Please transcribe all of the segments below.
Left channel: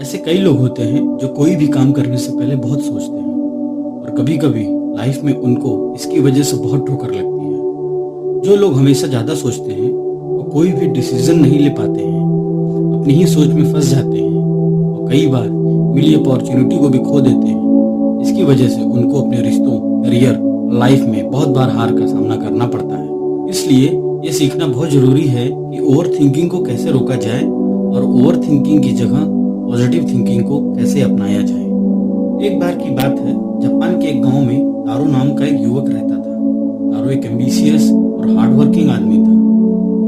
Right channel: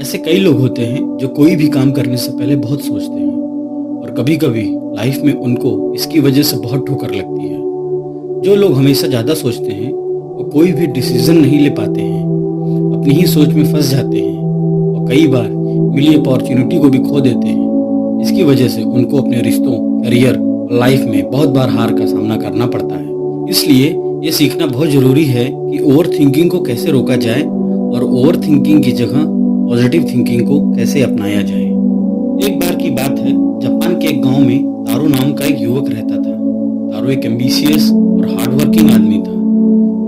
ऐसे कई लोग होते हैं जो कोई भी काम करने से पहले बहुत सोचते हैं और कभी-कभी लाइफ में उनको इसकी वजह से बहुत ठोकर लगती है। जो लोग हमेशा ज़्यादा सोचते हैं वो कोई भी डिसीजन नहीं ले पाते हैं, अपनी ही सोच में फंस जाते हैं और कई बार मिली अपॉर्चुनिटी को भी खो देते हैं। इसकी वजह से उनको अपने रिश्तों, करियर और लाइफ में बहुत बार हार का सामना करना पड़ता है। इसलिए ये सीखना बहुत ज़रूरी है कि ओवर थिंकिंग को कैसे रोका जाए और ओवर थिंकिंग की जगह पॉजिटिव थिंकिंग को कैसे अपनाया जाए। एक बार की बात है, जापान के एक गांव में तारो नाम का एक युवक रहता था। तारो एक एम्बिशियस और हार्डवर्किंग आदमी था,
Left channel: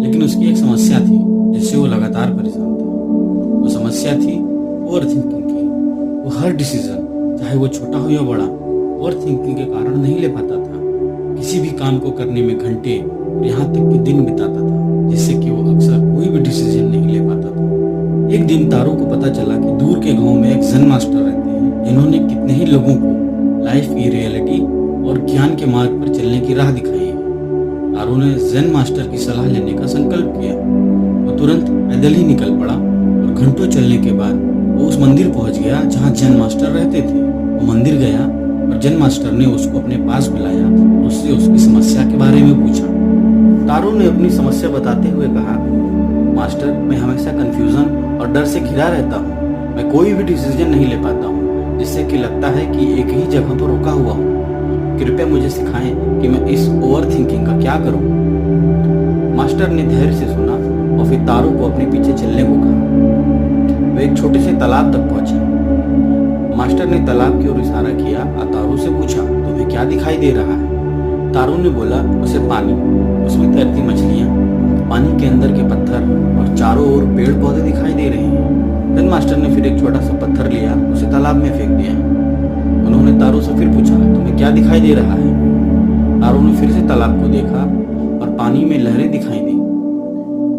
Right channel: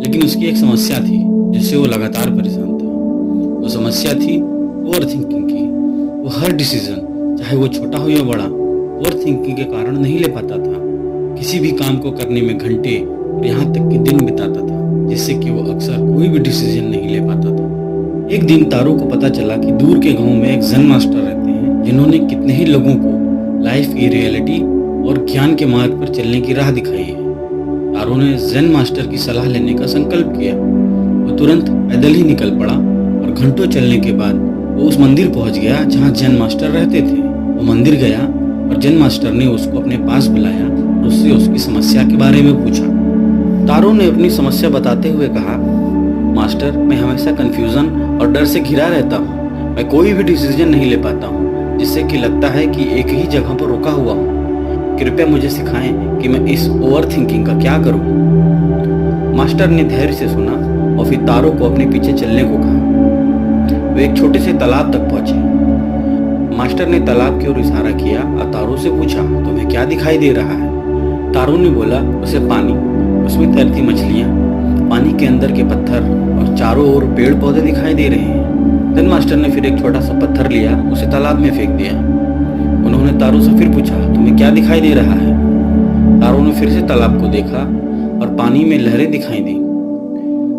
लेकिन उसकी एक समस्या थी जिससे वो लगातार परेशान था। वो समस्या थी ओवर थिंकिंग की। वो हर डिसीजन, चाहे वो छोटा हो या बड़ा, ओवर थिंकिंग के कारण नहीं ले पाता था। किसी भी काम को करने में घंटे और यहाँ तक कि दिन बिताता था, जिससे कि वो अक्सर कोई भी डिसीजन नहीं ले पाता था। एक दिन तारो को पता चला कि दूर के गांव में एक ज़ेन मास्टर रहते हैं जिन्होंने कितने ही लोगों को लाइफ की रियलिटी और ज्ञान के मार्ग पर चलने की राह दिखाई है। तारो ने ज़ेन मास्टर की सलाह लेने का संकल्प किया। वो तुरंत पैदल ही निकल पड़ा और घंटों चलने के बाद वो उस मंदिर पहुंच गया जहां ज़ेन मास्टर रहते थे। वो मंदिर गया और ज़ेन मास्टर ने उसको अपने पास बुलाया और उससे उसकी समस्या के बारे में पूछा। तारो ने अपनी समस्या बताते हुए कहा, मास्टर, मैं हमेशा कंफ्यूजन और डर से घिरा रहता हूँ। मैं कोई भी डिसीजन नहीं ले पाता हूँ, जिससे कि लगता है कि एक ही जगह पर रुका हुआ हूँ। कृपया मुझे सिखाएं कि मैं इस ओवर थिंकिंग का क्या करूँ। मास्टर ने धैर्य से सुना और फिर तारो को अपने पीछे चलने को कहा। वे एक छोटे से तालाब तक पहुंचे। मास्टर ने तालाब की ओर इशारा किया और तारो से पूछा, तुम्हें क्या दिखाई दे रहा है? तारो ने बोला, उसे पानी, उसमें तैरती मछलियाँ, पानी के अंदर के पत्थर और चारों ओर पेड़ पौधे दिखाई दे रहे हैं। ज़ेन मास्टर ने फिर एक छोटा सा पत्थर लिया, उसे तालाब में फेंक दिया। उन्होंने तारो से फिर पूछा, तुम्हें क्या दिखाई दे रहा है? तारो ने फिर से तालाब को देखा और पानी में लहरें दिखाई दी।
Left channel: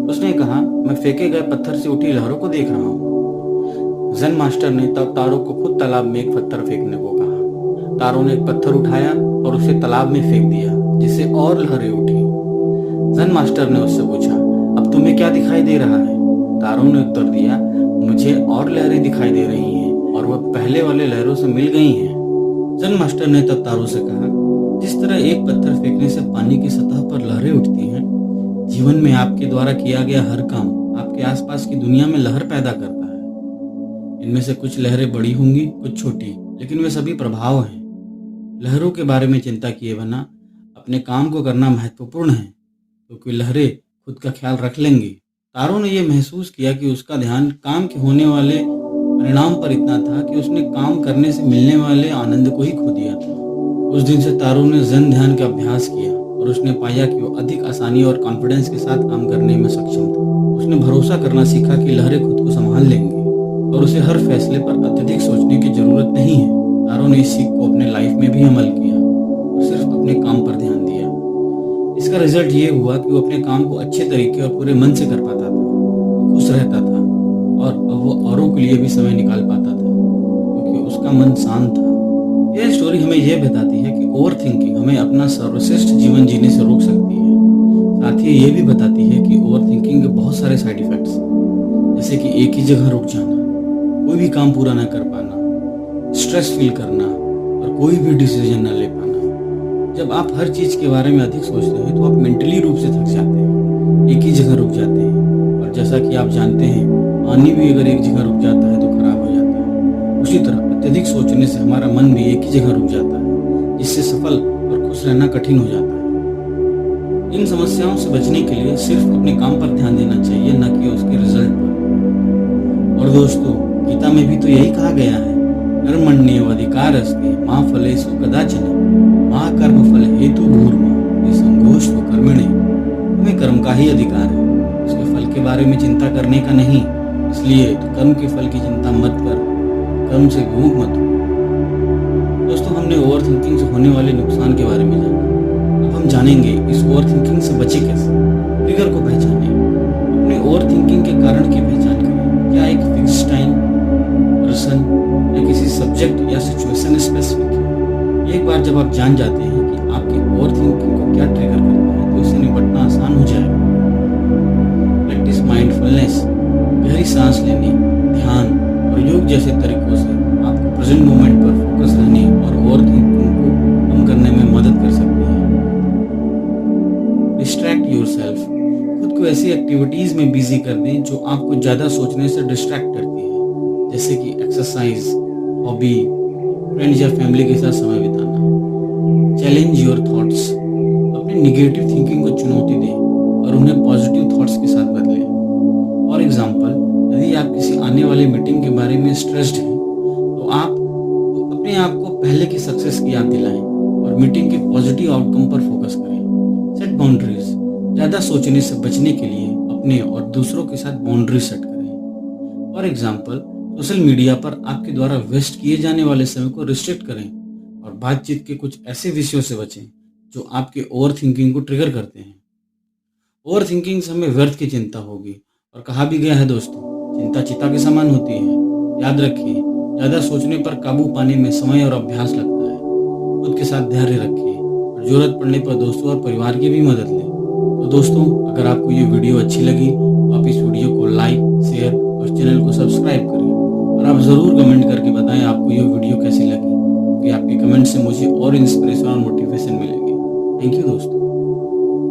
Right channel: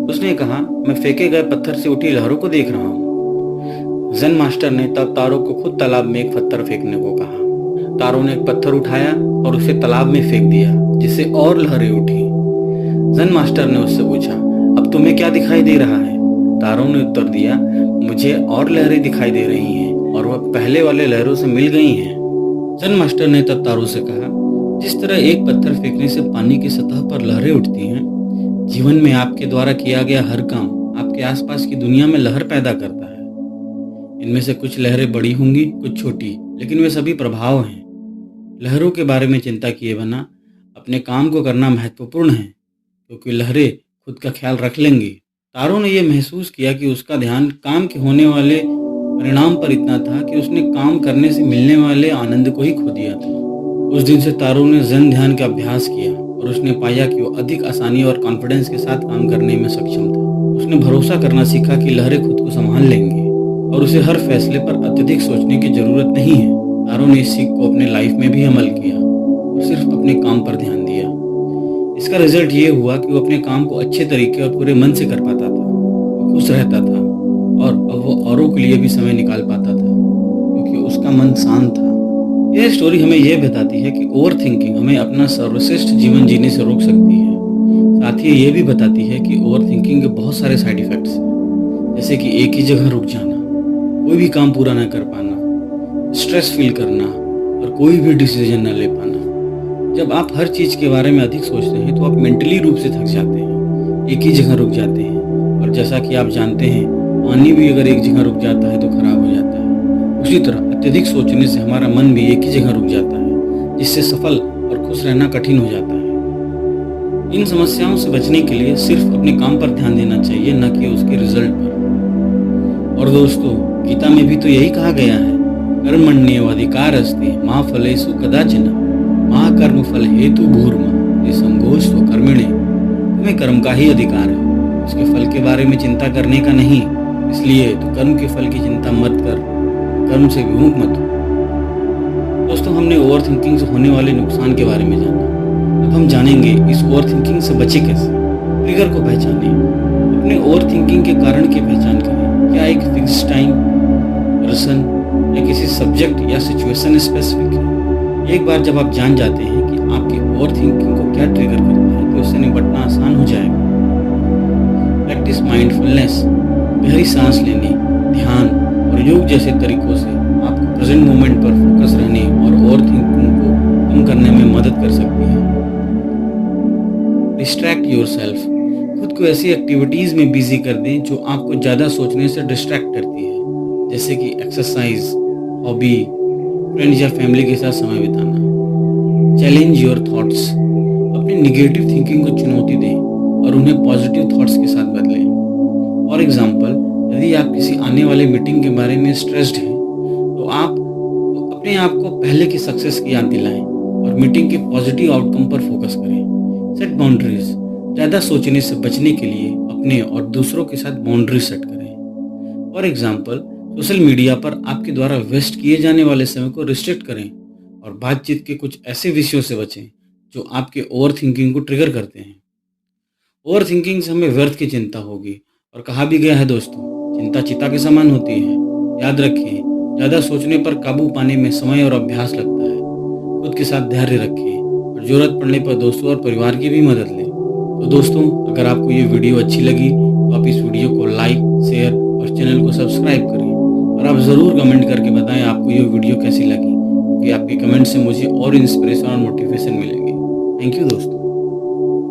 उसने कहा, मैं फेंके गए पत्थर से उठी लहरों को देख रहा हूँ। ज़ेन मास्टर ने तब तारो को खुद तालाब में एक पत्थर फेंकने को कहा। तारो ने एक पत्थर उठाया और उसे तालाब में फेंक दिया, जिससे और लहरें उठी। ज़ेन मास्टर ने उससे पूछा, अब तुम्हें क्या दिखाई दे रहा है? तारो ने उत्तर दिया, मुझे और लहरें दिखाई दे रही हैं और वह पहले वाले लहरों से मिल गई हैं। ज़ेन मास्टर ने तब तारो से कहा, जिस तरह एक पत्थर फेंकने से पानी की सतह पर लहरें उठती हैं, जीवन में आपके द्वारा किया गया हर काम आपके आसपास की दुनिया में लहर पैदा करता है। इनमें से कुछ लहरें बड़ी होंगी, कुछ छोटी, लेकिन वे सभी प्रभाव हैं। लहरों के बारे में चिंता किए बिना अपने काम को करना महत्वपूर्ण है, क्योंकि लहरें खुद का ख्याल रख लेंगी। तारो ने यह महसूस किया कि उसका ध्यान काम के होने वाले परिणाम पर इतना था कि उसने काम करने से मिलने वाले आनंद को ही खो दिया था। उस दिन से तारो ने ज़ेन ध्यान का अभ्यास किया और उसने पाया कि वो अधिक आसानी और कॉन्फिडेंस के साथ काम करने में सक्षम था। उसने भरोसा करना सीखा कि लहरें खुद को संभाल लेंगी और उसे हर फैसले पर अत्यधिक सोचने की जरूरत नहीं है। तारो ने इस सीख को अपने लाइफ में भी अमल किया और सिर्फ अपने काम पर ध्यान दिया। इसका रिजल्ट ये हुआ कि वो अपने काम को अच्छे तरीके और पूरे मन से कर पाता था। वो खुश रहता था और अब वो औरों के लिए भी समय निकाल पाता था, क्योंकि उसका मन शांत था। यह स्टोरी हमें यह बताती है कि ओवर थिंकिंग हमें अपना सर्वश्रेष्ठ जीवन जीने से रोक सकती है। साथ ही ये भी बताती है कि ओवर थिंकिंग के बहुत सारे साइड इफेक्ट्स हैं, जैसे कि एक ही जगह रुक जाना, कोई भी काम पूरा न कर पाना, स्ट्रेस फील करना और कोई भी डिसीजन न ले पाना। जब आप हर चीज़ के बारे में अधिक सोचते हैं तो आप मेंटली रूप से थक जाते हैं, एक ही जगह रुक जाते हैं। और जैसा कि आप जानते हैं, पानी भी अगर एक जगह रुक जाता है तो खराब हो जाता है। उसी तरह अत्यधिक सोचने से हमारा मन भी एक ही जगह रुक जाता है, जिससे सफल और खुश रहना कठिन हो जाता है। इन समस्याओं से बचने के लिए सिर्फ अपने काम पर ध्यान देना चाहिए, न कि उसके रिजल्ट पर। और दोस्तों, गीता में भी तो यही कहा गया है, कर्मण्येवाधिकारस्ते मा फलेषु कदाचन माँ कर्म फल हेतु भूर्मा ये संघोष तो कर्मिणे। तुम्हें कर्म का ही अधिकार है, उसके फल के बारे में चिंता करने का नहीं। इसलिए तो कर्म के फल की चिंता मत कर, कर्म से विमुख मत हो। दोस्तों, हमने ओवर थिंकिंग से होने वाले नुकसान के बारे में जाना। अब हम जानेंगे इस ओवर थिंकिंग से बचे कैसे। ट्रिगर को पहचानें, अपने ओवर थिंकिंग के कारण की पहचान करें। क्या एक फिक्स टाइम, पर्सन या किसी सब्जेक्ट या सिचुएशन स्पेसिफिक है? एक बार जब आप जान जाते हैं कि आपकी ओवर थिंकिंग को क्या ट्रिगर करता है, तो उससे निपटना आसान हो जाएगा। प्रैक्टिस माइंडफुलनेस, गहरी सांस लेने, ध्यान और प्रयोग जैसे तरीकों से आपको प्रेजेंट मोमेंट पर फोकस रहने और ओवर थिंकिंग को कम करने में मदद कर सकती है। डिस्ट्रैक्ट योरसेल्फ, खुद को ऐसी एक्टिविटीज़ में बिजी कर दें जो आपको ज़्यादा सोचने से डिस्ट्रैक्ट करती है, जैसे कि एक्सरसाइज, हॉबी, फ्रेंड्स या फैमिली के साथ समय बिताना। चैलेंज योर थॉट्स, अपनी निगेटिव थिंकिंग को चुनौती दें और उन्हें पॉजिटिव थॉट्स के साथ बदलें। फॉर एग्जाम्पल, यदि आप किसी आने वाली मीटिंग के बारे में स्ट्रेस्ड हैं तो आप अपने आप को पहले की सक्सेस की याद दिलाएं और मीटिंग के पॉजिटिव आउटकम पर फोकस करें। सेट बाउंड्रीज, ज़्यादा सोचने से बचने के लिए अपने और दूसरों के साथ बाउंड्रीज सेट करें। फॉर एग्जाम्पल, सोशल मीडिया पर आपके द्वारा वेस्ट किए जाने वाले समय को रिस्ट्रिक्ट करें और बातचीत के कुछ ऐसे विषयों से बचें जो आपके ओवर थिंकिंग को ट्रिगर करते हैं। ओवर थिंकिंग से हमें व्यर्थ की चिंता होगी और कहा भी गया है दोस्तों, चिंता चिता के समान होती है। याद रखें, ज़्यादा सोचने पर काबू पाने में समय और अभ्यास लगता है। खुद के साथ धैर्य रखें और ज़रूरत पड़ने पर दोस्तों और परिवार की भी मदद लें। तो दोस्तों, अगर आपको ये वीडियो अच्छी लगी तो आप इस वीडियो को लाइक, शेयर और चैनल को सब्सक्राइब करें और आप ज़रूर कमेंट करके बताएं आपको ये वीडियो कैसी लगी, क्योंकि आपके कमेंट से मुझे और इंस्पिरेशन और मोटिवेशन मिलेगी। थैंक यू दोस्तों।